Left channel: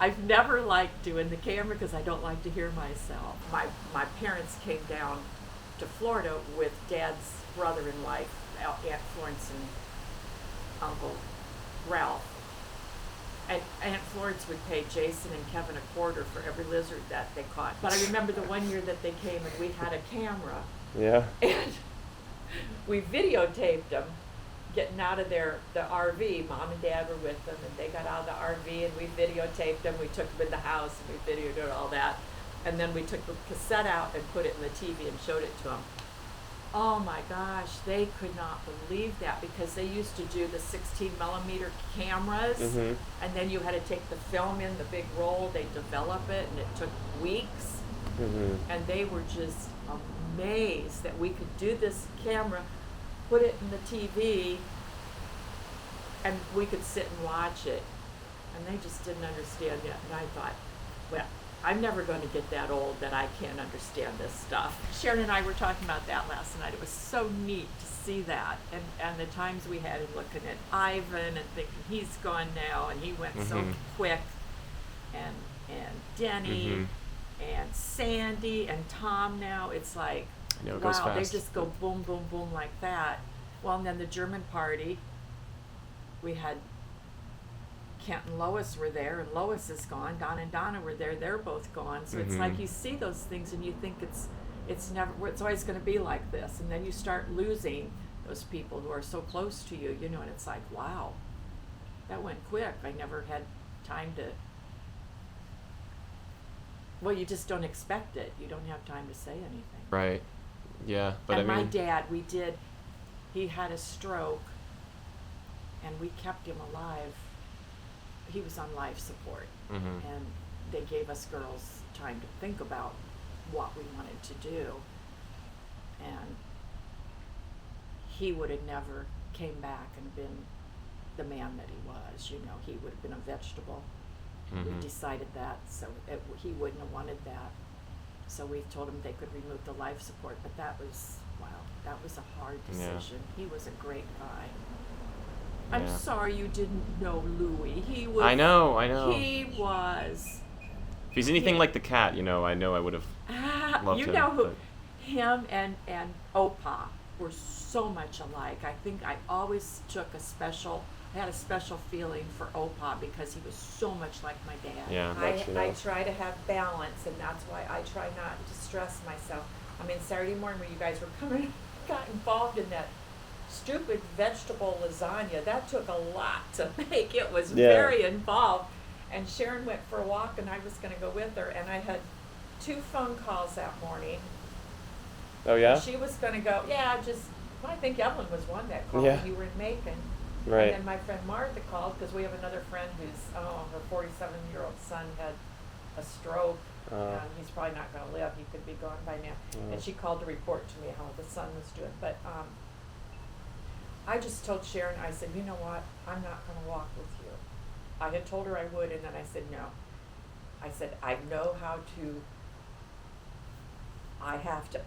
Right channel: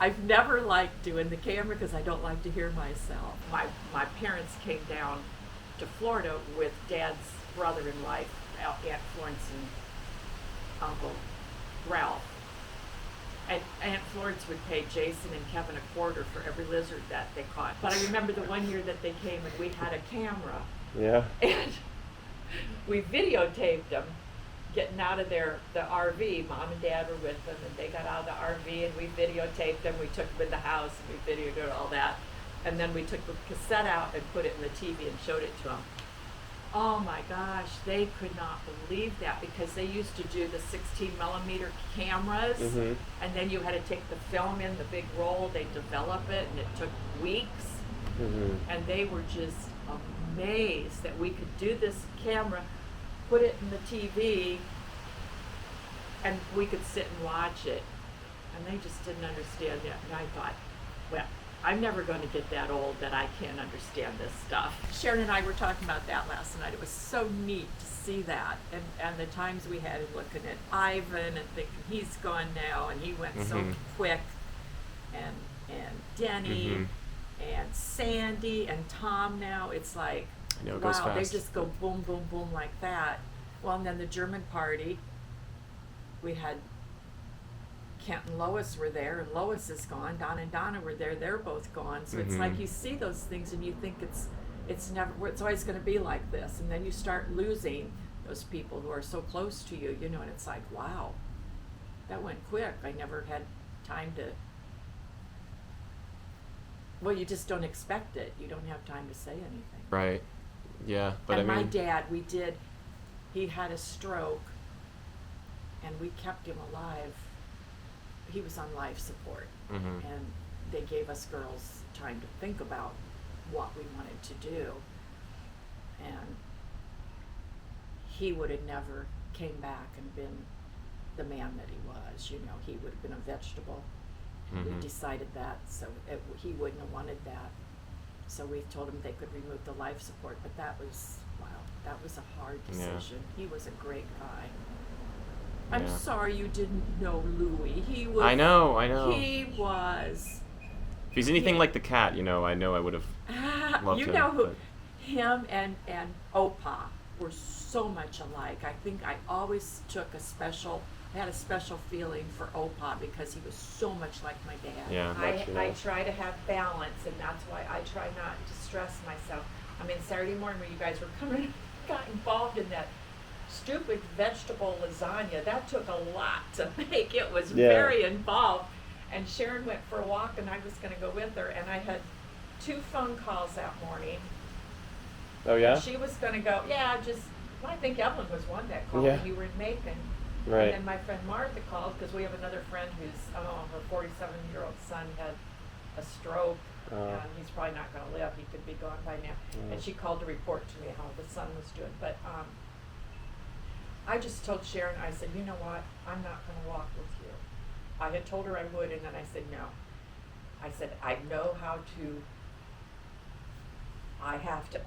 I've never liked doing the camera because I don't like to hear myself. My parents came down to Florida with Dad's brother and wife, Aunt Florence and Uncle Ralph. And Aunt Florence would pay Jason and Kevin a quarter for every lizard that they caught. But I remember the one year that they came and we had a camera. Yeah. And we videotaped them getting out of the RV. Mom and Dad were with them, and they got out of the RV, and we videotaped them. We took them in the house, and we videoed all that. And then we took the cassette out and put it in the TV and showed it to them. Oh my gosh, they could not believe that because they used to do the 16 millimeter cameras, Mm-hmm. and then you had to take the film in the big roll. They develop it, and it took weeks. Mm-hmm. And they were just amazed that we could do this camera, put it in the TV, and we could sit and watch it. And they just didn't understand it. And I thought, well, I'm never going to get that old that I can't understand this stuff. Sharon and I were talking about that last night. It was so neat to see that. And the times we had in looking at Ivan and thinking he's gone now and he went so Mm-hmm. quick. And Denny. Mm-hmm. And Sandy and Tom now, it's like, I know, it wow, goes fast. they just go boom, boom, boom like that. Well, and then the German party, we had Kent and Lois were there, and Lois is gone. Don and Donna were there; they're both gone. So it's like you see those things, and you think it's always going to be like this, and then you start losing those people who are so close to you, and it's like, wow, that went quick. I never had time to. Well, you just don't expect it. You don't have time to say anything. Right. Yeah, but and I mean, my dad, he had a stroke, and we kept him alive. He was on life support, mm-hmm. and they gave us girls time to think about what we wanted to do. And he would have never came back and been the man that he was. He would have been a vegetable. Mm-hmm. We decided that, so he wouldn't have wanted that. So we told him they could remove the life support, but that was a hard decision. Yeah. He was a great guy. I'm Yeah. sorry you didn't know Louis. He was. I know. He was. If he's anything like the cat, I know I would have loved you him. know who? But... Him and Opa were so much alike. I think I always had a special feeling for Opa because he was so much like my dad. Yeah, I try to have balance, and that's why I try not to stress myself. I mean, Saturday morning when you guys were coming, got involved in that stupid vegetable lasagna. That took a lot to make. It was very involved. And Sharon went for a walk, and I was going to go with her, and I had 2 phone calls that morning. Oh, yeah? And she was going to go, I think Evelyn was one that called when you were in Macon. Right. And then my friend Martha called because we have another friend who's, her 47-year-old son had a stroke, and he's probably not going to live. He could be gone by now. And she called to report to me how the son was doing. But I just told Sharon, I said, you know what? I'm not going to walk with you. I had told her I would, and then I said no. I said, I know how to, I have to,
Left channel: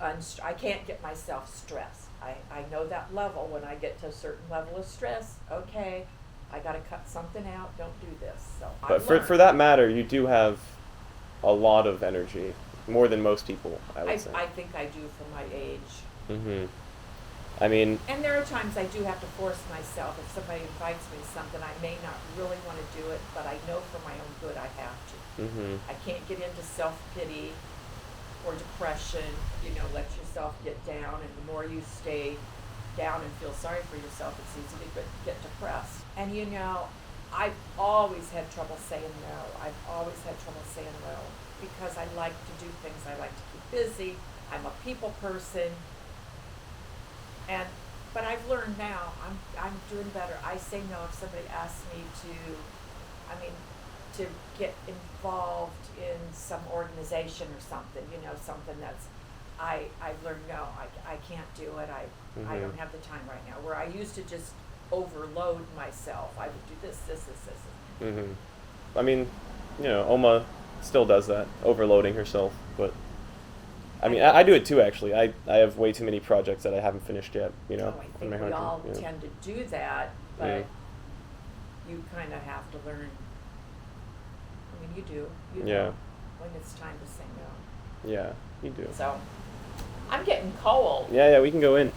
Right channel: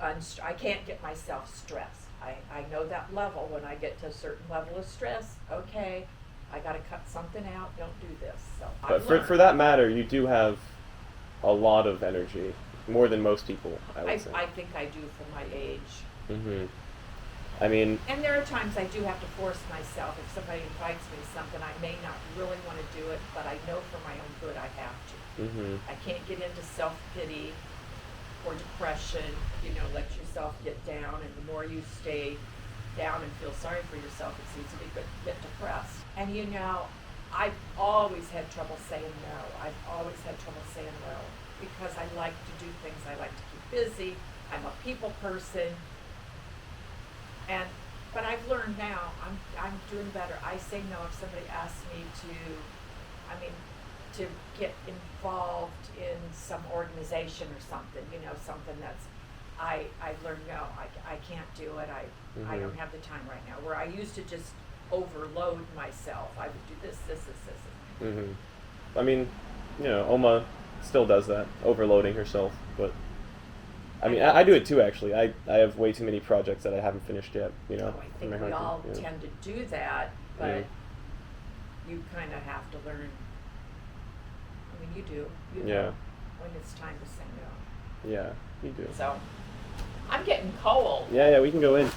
I can't get myself stressed. I know that level. When I get to a certain level of stress, okay, I got to cut something out. Don't do this. So But for that matter, you do have a lot of energy, more than most people, I would say. I think I do for my age. Mm-hmm. I mean... And there are times I do have to force myself. If somebody invites me to something, I may not really want to do it, but I know for my own good I have to. Mm-hmm. I can't get into self-pity or depression. Let yourself get down, and the more you stay down and feel sorry for yourself, it's easy to get depressed. And I've always had trouble saying no. I've always had trouble saying no because I like to do things. I like to keep busy. I'm a people person. But I've learned now, I'm doing better. I say no if somebody asks me to get involved in some organization or something, something that's, I've learned no, I can't do it. I don't have the time right now. Where I used to just overload myself. I would do this. Mm-hmm. I mean, Oma still does that, overloading herself, but I mean, I do it too, actually. I have way too many projects that I haven't finished yet, I think we all tend to do that, but you kind of have to learn, mean, you do. You Yeah. know when it's time to sing out. Yeah, we do. So, I'm getting cold. Yeah, we can go in.